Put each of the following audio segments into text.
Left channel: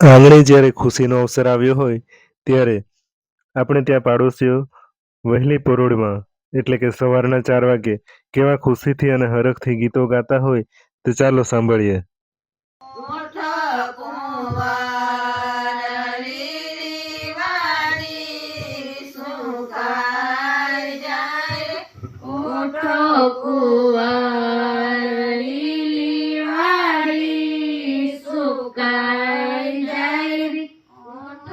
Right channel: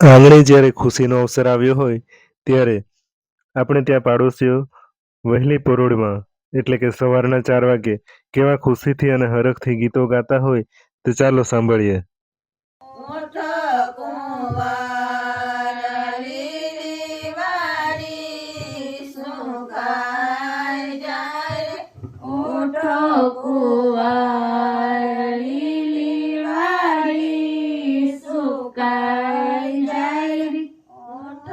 આંગણે જ્યારે ખુશીનો અવસર આવ્યો હોય ત્યારે આપણે ત્યાં પાડોશીઓ વહેલી પરોઢમાં એટલે કે સવારના 4 વાગે કેવા ખુશીથી અને હરખથી ગીતો ગાતા હોય તો ચાલો સાંભળીએ. ઊઠ કુંવાર લીલી વાડી સુકાઈ જાય. ઊઠ કુંવાર લીલી વાડી સુકાઈ જાય. ઊઠ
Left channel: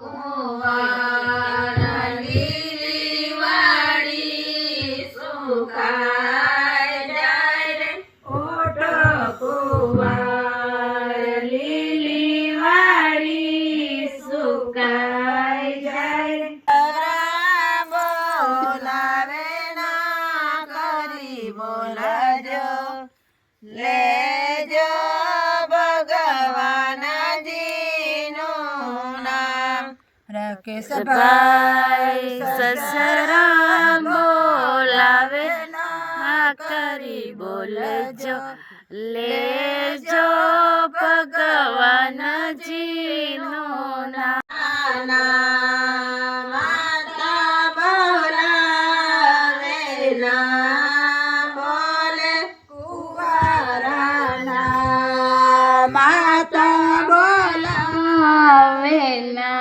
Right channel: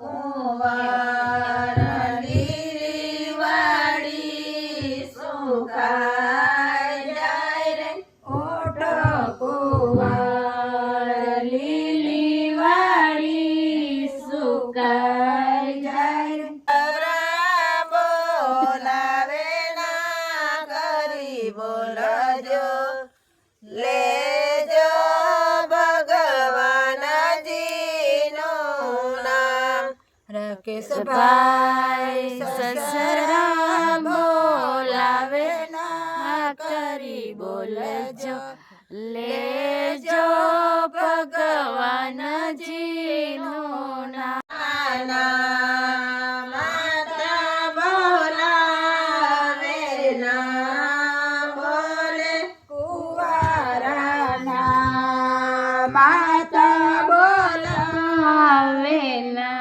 કુંવાર લીલી વાડી સુકાઈ જાય. ઊઠ કુંવાર લીલી વાડી સુકાઈ જાય. તારા બોલાવે ના કરી બોલજો, લેજો ભગવાનજીનું નામ. રાકેશભાઈ સસરા બોલાવે ના કરી બોલજો, લેજો ભગવાનજીનું નામ. માતા બોલાવે ના બોલે કુંવારાના. માતા બોલાવે ના